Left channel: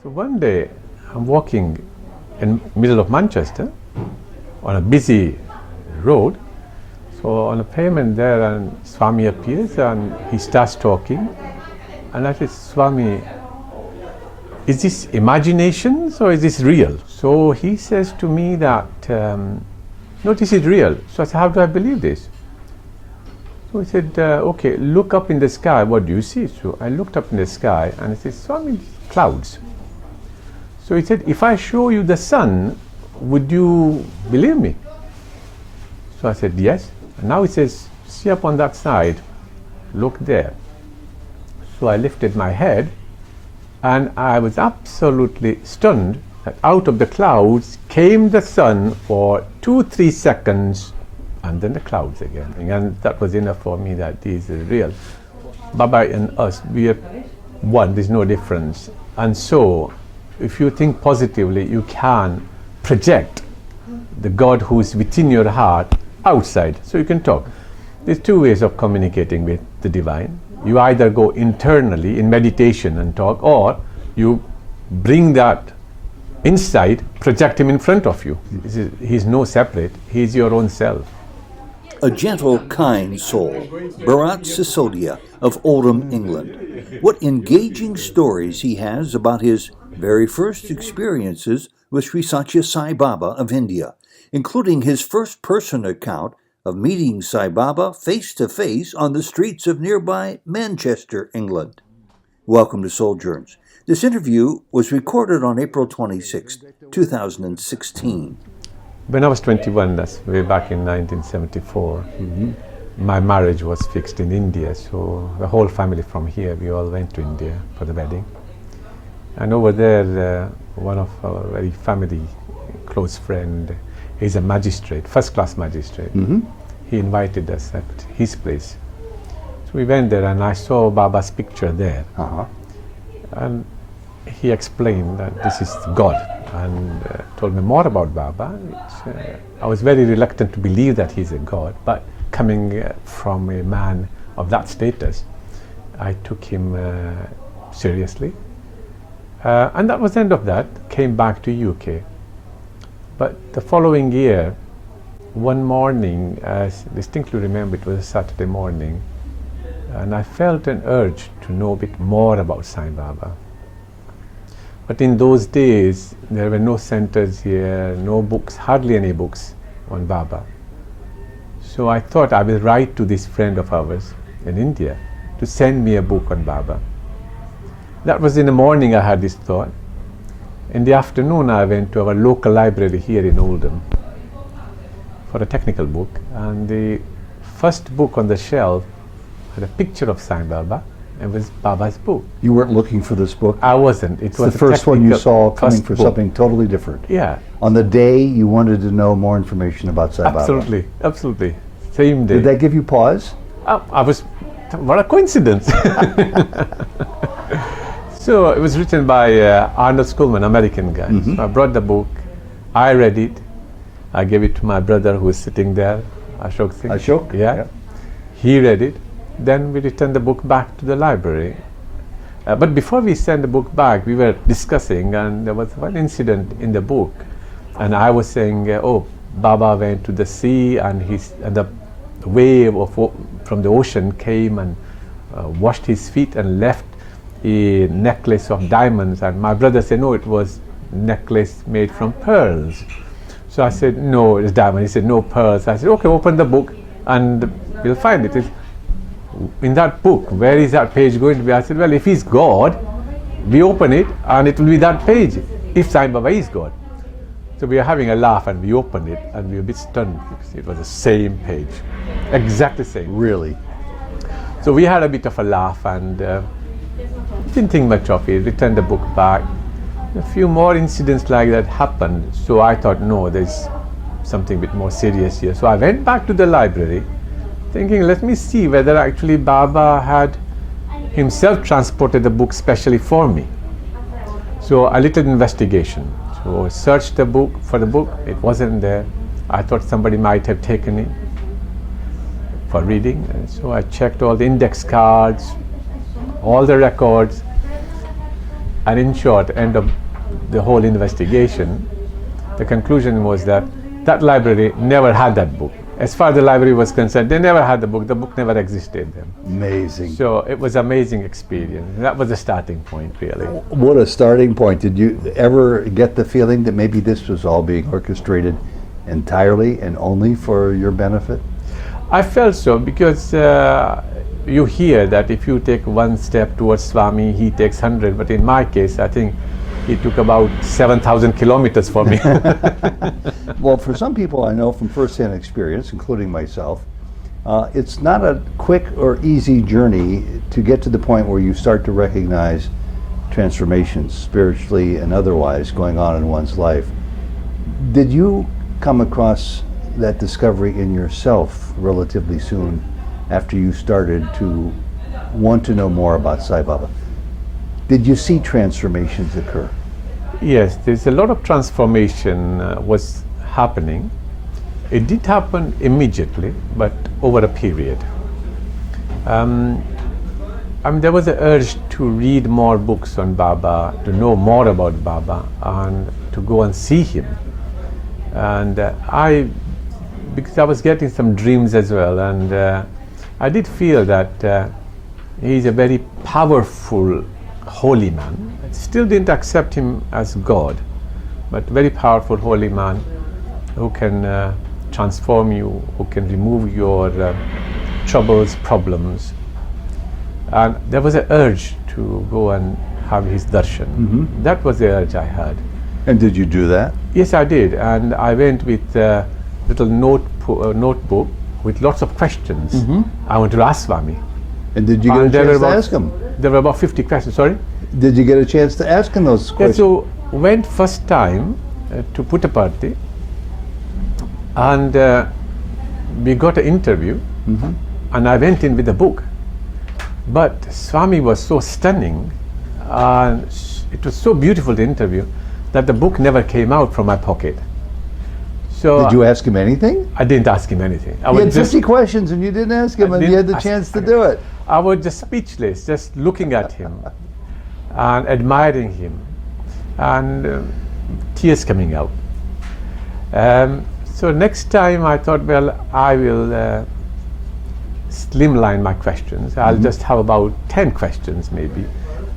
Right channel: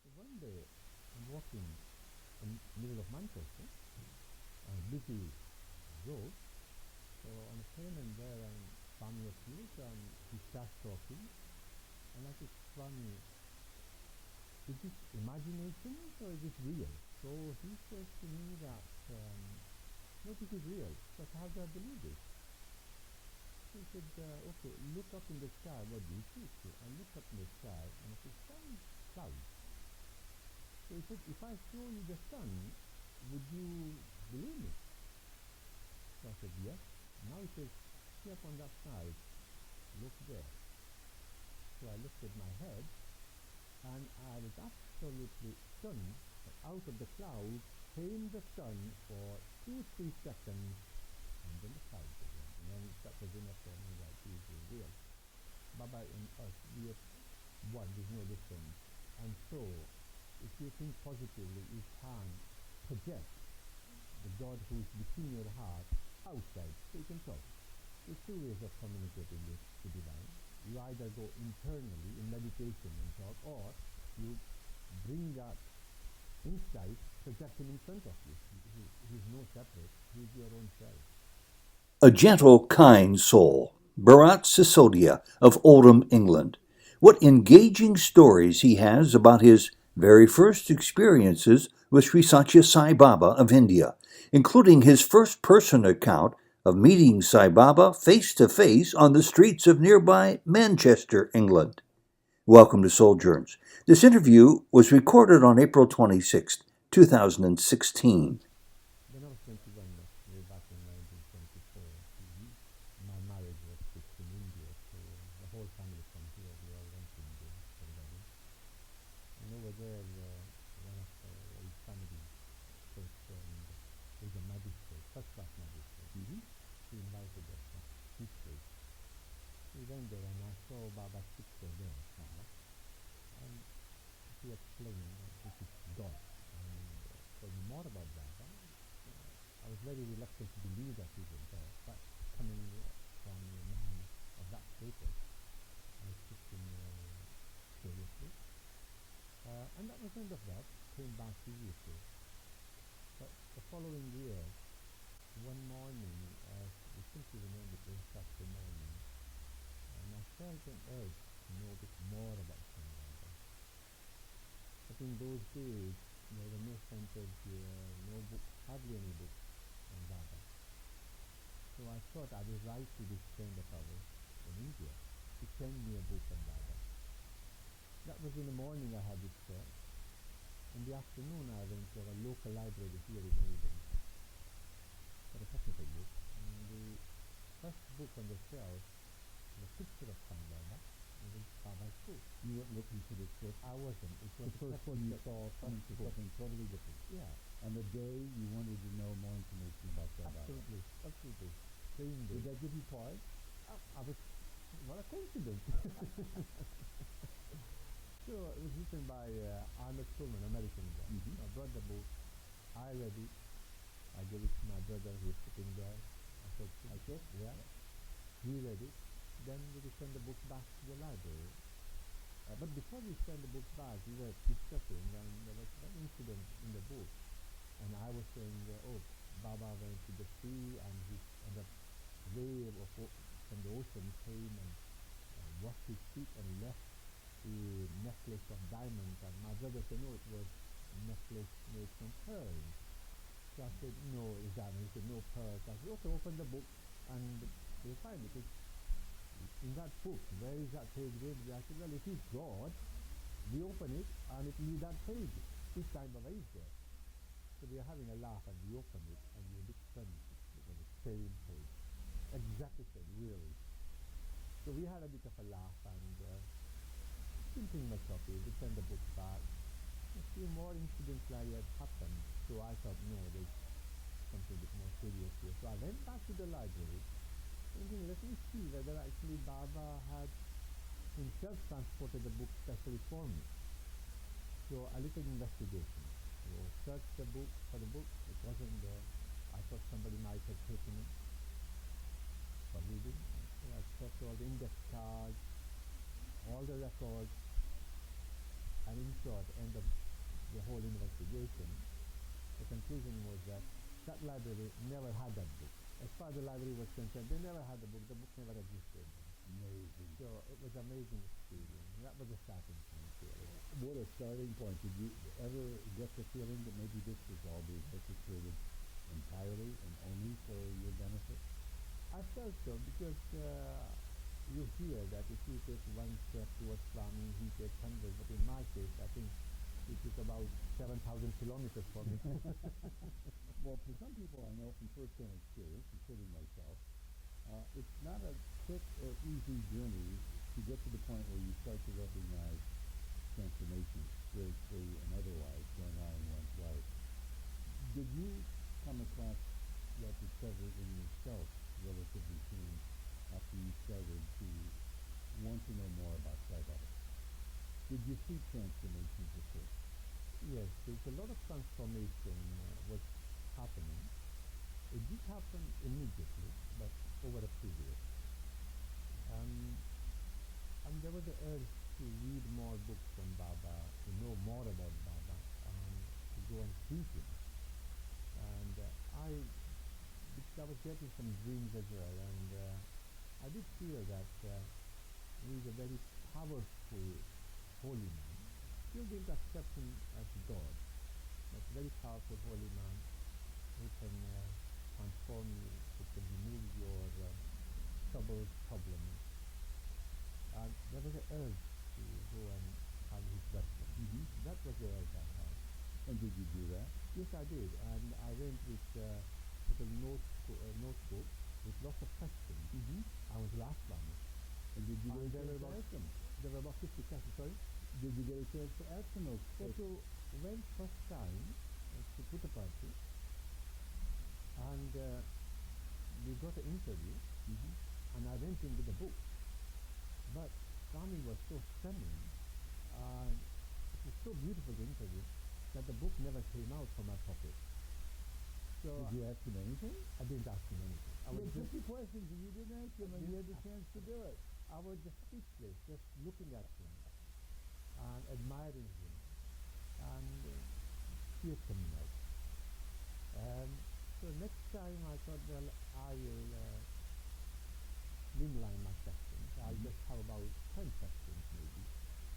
So one day I'm walking in middle of Manchester on a busy road. So on a pavement there, and Swami appears and he starts talking. And I said, Swami, is this imaginations or is this real? So he says to me that, no, this is real. So I said, how do I believe this? So he said, okay, look up in the sky, what do you see? So I looked up in the sky and he said, Swami, clouds. So he said, if I show you the sun, would you believe me? So I said, yes. And now he says, see up on that side, look there. So I lifted my head and I was absolutely stunned that out of the clouds came the sun for 2-3 seconds and then the clouds again. And that was enough for me that this is real. Baba and us, we are one, there's no difference. And so, if you think positively, you can project the God who's within your heart outside, so you can talk. There's two ways of communicating with the divine. You either go internally in meditation and talk, or you bring that insight, project him in front of you. He's no separate, he's your own self. A gentle, kind soul, Bharat Sisodia of Oldham, England. What engaging stories he has about his very first experiences with Sri Sathya Sai Baba of India, including his first-person account of meeting Sai Baba face-to-face on the streets of nearby Manchester, England. Welcome to Souljourns. This interview was recorded on April 26, 2016. When I was 21, that's way back in 1974, my marriage was fixed in India, so the whole family from here, we all went to India for the wedding. And over there, one of our very family close friend, he's a magistrate, first-class magistrate. He invited us at his place. So we went there and I saw Baba's picture there. And he explained that this is God and told me more about Baba. I was very reluctant to believe that he's a God, but coming from a man of that status, I took him seriously. And that was the end of that. Came back to UK. But the following year, one morning, I distinctly remember it was a Saturday morning, and I felt an urge to know a bit more about Sai Baba. But in those days, there were no centers here, no books, hardly any books on Baba. So I thought I will write to this friend of ours in India to send me a book on Baba. That was in the morning I had this thought. In the afternoon I went to our local library here in Oldham for a technical book, and the first book on the shelf had a picture of Sai Baba. It was Baba's book. You weren't looking for this book? I wasn't. It's was the first one you saw coming for something totally different. Yeah. On the day you wanted to know more information about Sai Baba. Absolutely, absolutely. Same day. Did that give you pause? I was, what a coincidence. So it was written by Arnold Schoolman, American guy. So I brought the book, I read it, I gave it to my brother who was sitting there, Ashok Singh. Ashok? Yeah. He read it. Then we returned the book back to the library. But before we sent the book back, we were discussing, and there was one incident in the book. And I was saying, oh, Baba went to the sea, and the wave from the ocean came and washed his feet and left a necklace of diamonds. And my brother said, no, it was necklace made from pearls. So I said, no, it's diamond. He said, no, pearls. I said, okay, open the book and we'll find it. In that book, where is that page going to be? I said, well, if he's God, we open it and it will be that page, if Sai Baba is God. So we were having a laugh and we opened it and we were a bit stunned because it was the same page, exactly the same. Really? So we had a bit of a laugh and didn't think much of it, returned the book back. A few more incidents like that happened, so I thought, no, there's something a bit more serious here. So I went back to the library thinking, let me see whether actually Baba had himself transported the book specially for me. So a little investigation. So I searched the book for the book, it wasn't there. I thought somebody might have taken it for reading. And so I checked all the index cards, all the records, And in short, end of the whole investigation, the conclusion was that that library never had that book. As far as the library was concerned, they never had the book never existed then. Amazing. So it was an amazing experience. That was the starting point, really. What a starting point. Did you ever get the feeling that maybe this was all being orchestrated entirely and only for your benefit? I felt so because you hear that if you take one step towards Swami, he takes 100. But in my case, I think he took about 7,000 kilometers for me. Well, for some people I know from firsthand experience, including myself, it's not a quick or easy journey to get to the point where you start to recognize transformations spiritually and otherwise going on in one's life. Did you come across that discovery in yourself relatively soon after you started to want to know more about Sai Baba? Did you see transformations occur? Yes, there's a lot of transformation was happening. It did happen immediately, but over a period. There was an urge to read more books on Baba, to know more about Baba, and to go and see him. And because I was getting some dreams as well, and I did feel that he's a very powerful holy man. I still didn't accept him as God, but very powerful holy man who can transform you, who can remove your troubles, problems. And there was an urge to go and have his darshan. Mm-hmm. That was the urge I had. And did you do that? Yes, I did, and I went with a little notebook with lots of questions. Mm-hmm. I wanted to ask Swami. And did you get a chance to ask him? There were about 50 questions, sorry? Did you get a chance to ask him those Yeah, questions? so went first time to Puttaparthi, and we got an interview, Mm-hmm. and I went in with a book. But Swami was so stunning, and it was so beautiful, the interview, that the book never came out from my pocket. So Did you ask him anything? I didn't ask him anything. I He was had 50 questions and you didn't ask him, I and you didn't had the ask- chance to do it. I was just speechless, just looking at him and admiring him, and tears coming out. So next time I thought, well, I will slimline my questions. I'll just have about 10 questions maybe,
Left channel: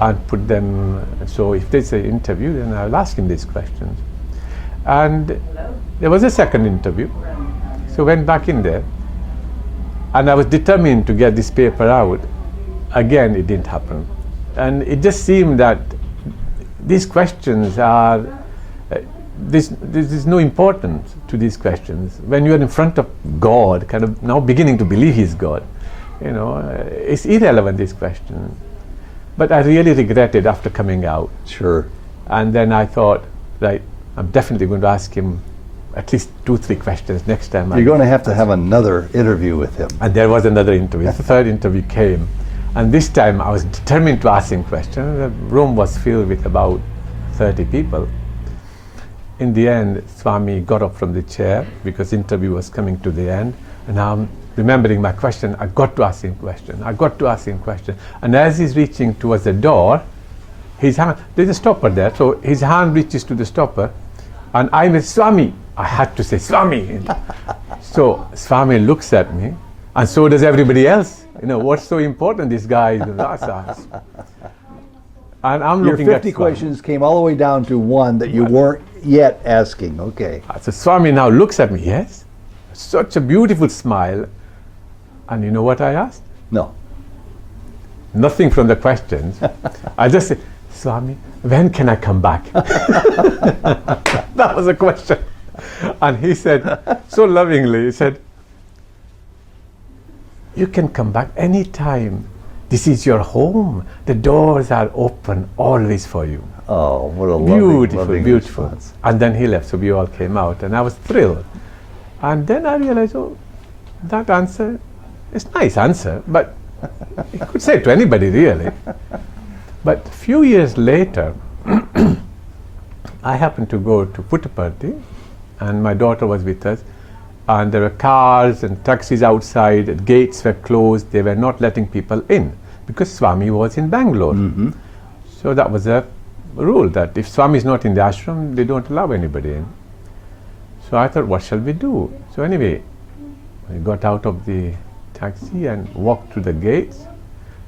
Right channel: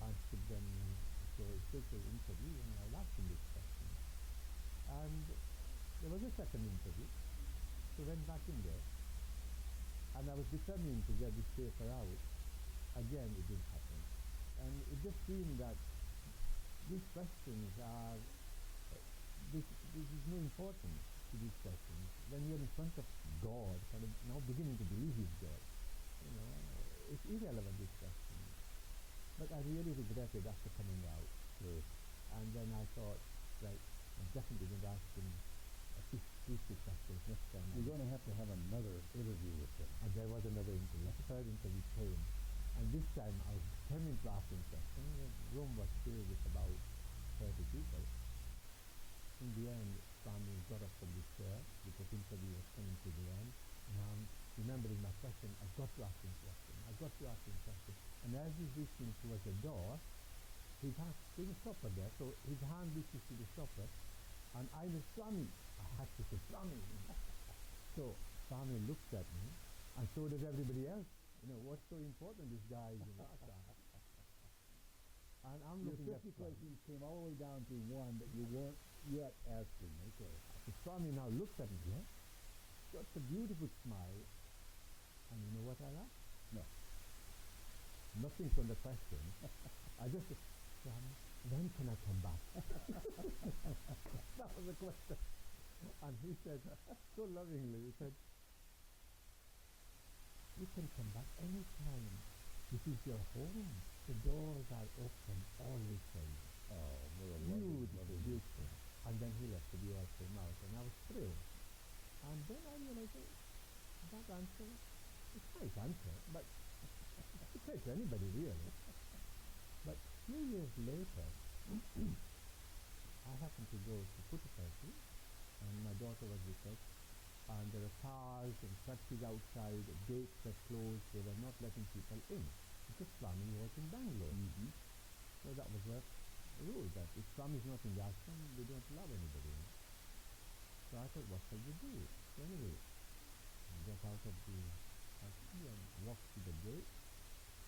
and put them, so if there's an interview, then I'll ask him these questions. And there was a second interview, so went back in there, and I was determined to get this paper out. Again, it didn't happen. And it just seemed that these questions are, there's no importance to these questions. When you're in front of God, kind of now beginning to believe He's God, it's irrelevant, these questions. But I really regretted after coming out. Sure. And then I thought, right, I'm definitely going to ask him at least 2-3 questions next time. You're going to have another interview with him. And there was another interview. The third interview came. And this time I was determined to ask him questions. The room was filled with about 30 people. In the end, Swami got up from the chair because the interview was coming to the end. And I'm remembering my question. I got to ask him question. I got to ask him question. And as he's reaching towards the door, his hand, there's a stopper there. So his hand reaches to the stopper. And I went, Swami. I had to say, Swami. So Swami looks at me, and so does everybody else. What's so important, this guy is us. And I'm Your looking at 50 Swami. questions came all the way down to one that you weren't yet asking. Okay. So Swami now looks at me, yes, such a beautiful smile. And you know what I asked? No. Nothing from the questions. I just said, Swami, when can I come back? That was a question. And he said, so lovingly, he said, you can come back anytime. This is your home. The doors are open always for you. Oh, what a Beautiful, loving beautiful. response. And then he left, so we all came out, and I was thrilled. And then I realized, that answer is a nice answer, but you could say it to anybody, really. But a few years later, I happened to go to Puttaparthi, and my daughter was with us, and there were cars and taxis outside, the gates were closed, they were not letting people in, because Swami was in Bangalore. Mm-hmm. So that was a rule that if Swami is not in the ashram, they don't allow anybody in. So I thought, what shall we do? So anyway, I got out of the taxi and walked through the gates,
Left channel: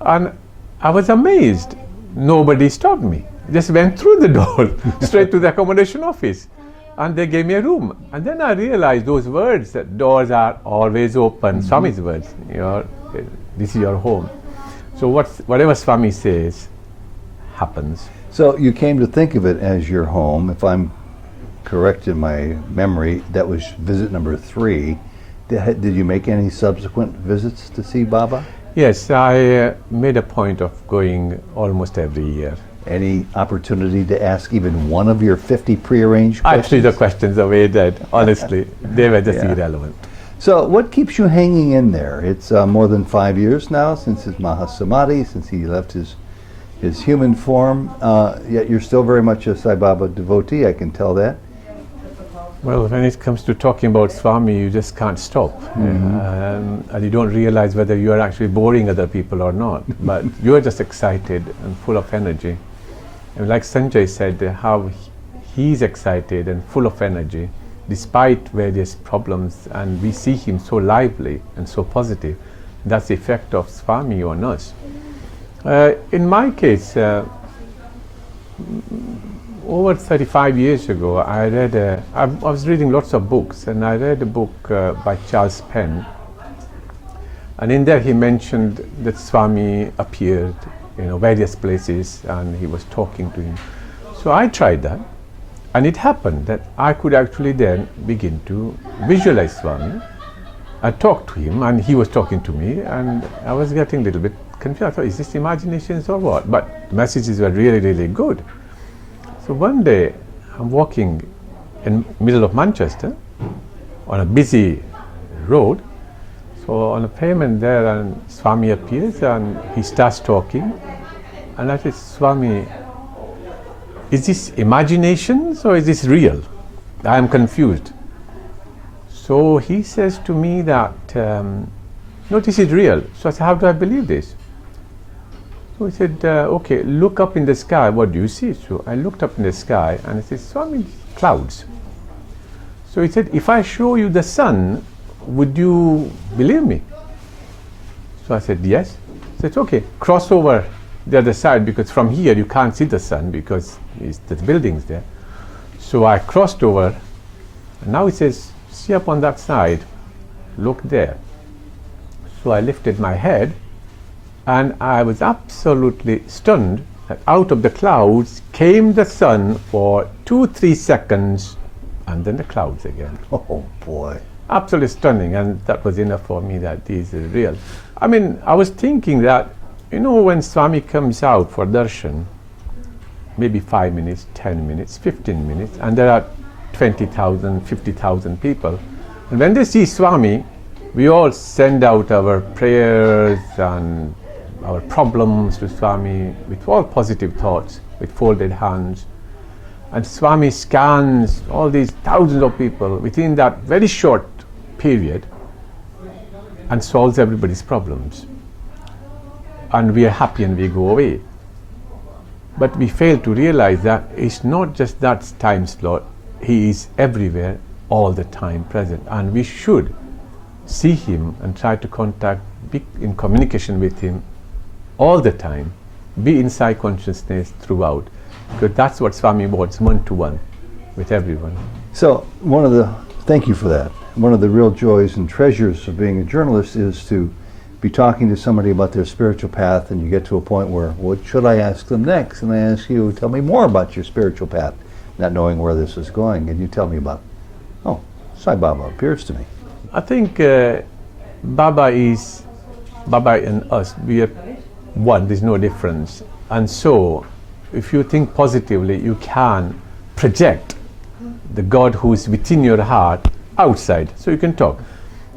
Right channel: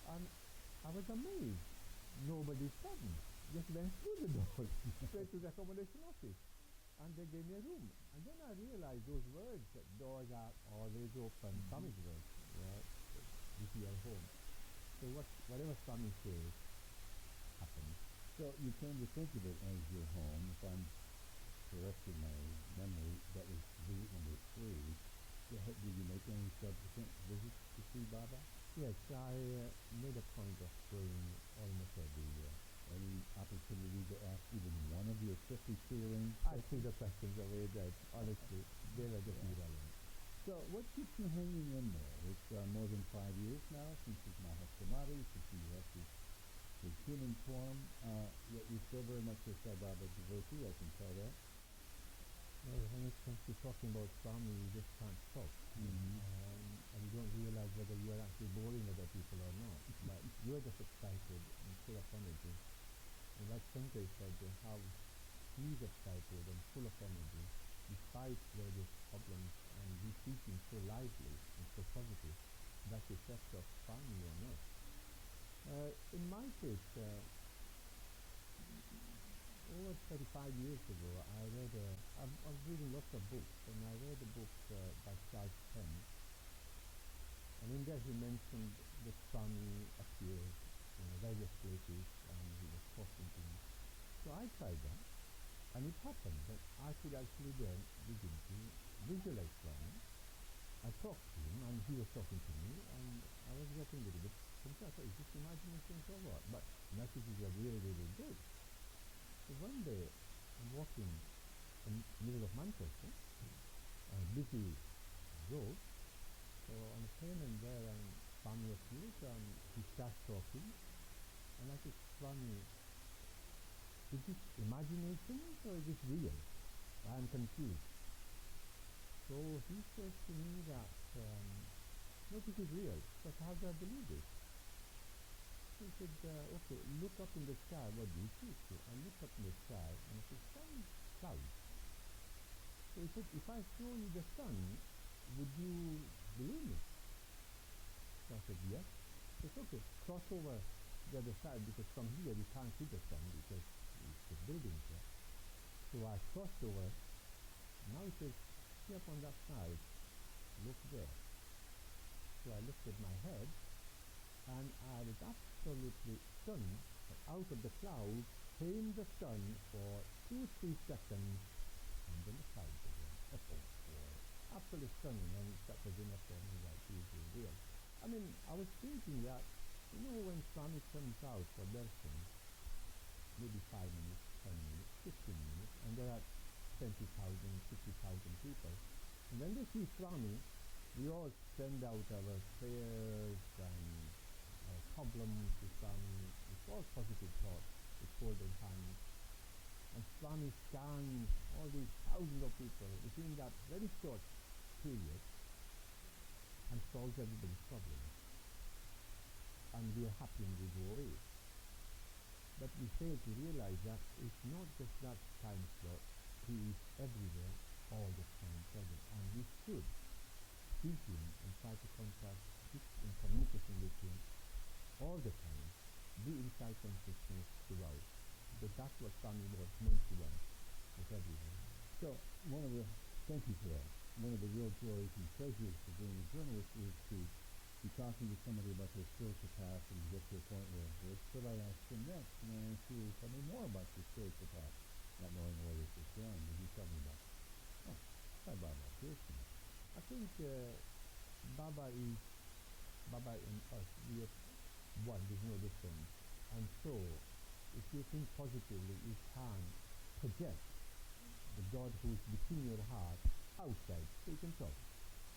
and I was amazed. Nobody stopped me. Just went through the door straight to the accommodation office, and they gave me a room. And then I realized those words, that doors are always open, Swami's words, this is your home. So whatever Swami says happens. So you came to think of it as your home. If I'm correct in my memory, that was visit number 3. Did you make any subsequent visits to see Baba? Yes, I made a point of going almost every year. Any opportunity to ask even one of your 50 prearranged questions? Actually, the questions are way dead, honestly. They were just irrelevant. So what keeps you hanging in there? It's more than 5 years now since his Mahasamadhi, since he left his human form, yet you're still very much a Sai Baba devotee, I can tell that. Well, when it comes to talking about Swami, you just can't stop. And you don't realize whether you are actually boring other people or not. But you are just excited and full of energy. And like Sanjay said, how he's excited and full of energy, despite various problems, and we see him so lively and so positive. That's the effect of Swami on us. In my case, over 35 years ago, I was reading lots of books, and I read a book by Charles Penn, and in there he mentioned that Swami appeared in various places, and he was talking to him. So I tried that, and it happened that I could actually then begin to visualize Swami. I talked to him, and he was talking to me, and I was getting a little bit confused. I thought, is this imaginations or what? But the messages were really, really good. So one day, I'm walking in the middle of Manchester on a busy road. So on a pavement there, and Swami appears, and he starts talking. And I said, Swami, is this imaginations or is this real? I am confused. So he says to me that, no, this is real. So I said, how do I believe this? So he said, okay, look up in the sky, what do you see? So I looked up in the sky, and I said, Swami, clouds. So he said, if I show you the sun, would you believe me? So I said, yes. So it's okay, cross over the other side, because from here you can't see the sun because there's buildings there. So I crossed over, and now he says, see up on that side, look there. So I lifted my head, and I was absolutely stunned that out of the clouds came the sun for 2-3 seconds, and then the clouds again. Oh boy. Absolutely stunning, and that was enough for me that this is real. I mean, I was thinking that, when Swami comes out for darshan, maybe 5 minutes, 10 minutes, 15 minutes, and there are 20,000, 50,000 people. And when they see Swami, we all send out our prayers and our problems to Swami with all positive thoughts, with folded hands. And Swami scans all these thousands of people within that very short period and solves everybody's problems. And we are happy and we go away. But we fail to realize that it's not just that time slot, he is everywhere, all the time present. And we should see him and try to be in communication with him all the time, be in Sai consciousness throughout, because that's what Swami wants, one-to-one with everyone. So thank you for that. One of the real joys and treasures of being a journalist is to be talking to somebody about their spiritual path, and you get to a point where, what should I ask them next? And I ask you, tell me more about your spiritual path, not knowing where this is going, and you tell me about, Sai Baba appears to me. I think Baba and us, we are one, there's no difference. And so, if you think positively, you can project the God who is within your heart outside, so you can talk.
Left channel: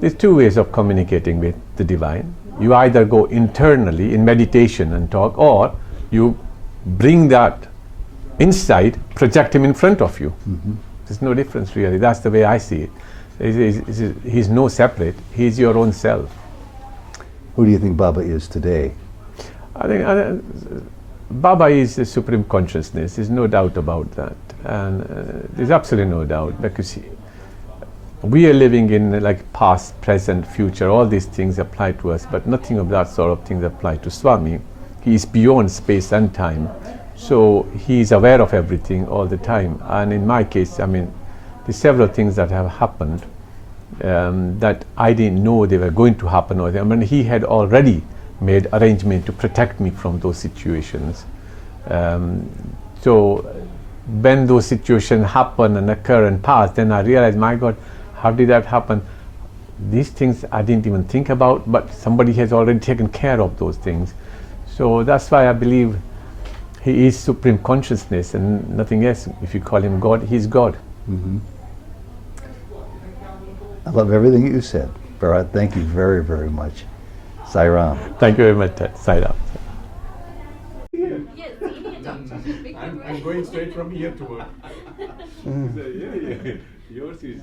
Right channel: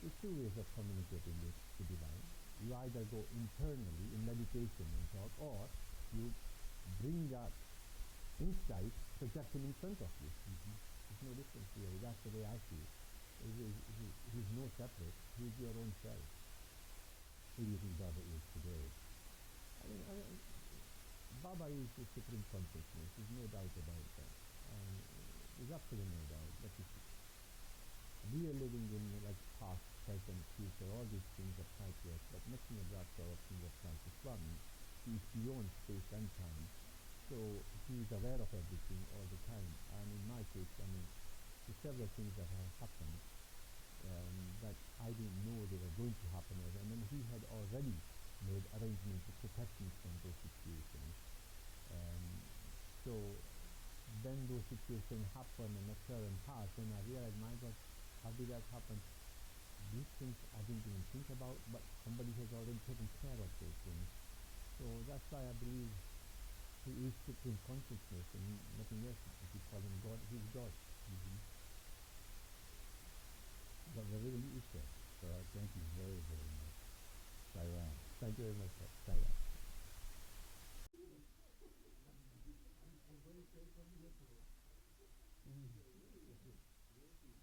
There's 2 ways of communicating with the divine. You either go internally in meditation and talk, or you bring that insight, project him in front of you. There's no difference really. That's the way I see it. He's no separate. He's your own self. Who do you think Baba is today? I think Baba is the supreme consciousness. There's no doubt about that, and there's absolutely no doubt, because we are living in like past, present, future. All these things apply to us, but nothing of that sort of things apply to Swami. He is beyond space and time, so he is aware of everything all the time. And in my case, I mean, there's several things that have happened that I didn't know they were going to happen. I mean, he had already made arrangement to protect me from those situations. So when those situations happen and occur and pass, then I realized, my God, how did that happen? These things I didn't even think about, but somebody has already taken care of those things. So that's why I believe he is supreme consciousness and nothing else. If you call him God, he's God. Mm-hmm. I love everything you said, Bharat. Thank you very, very much. Sai Ram. Thank you very much, Sai Baba. I'm going straight from here to work. Yours is.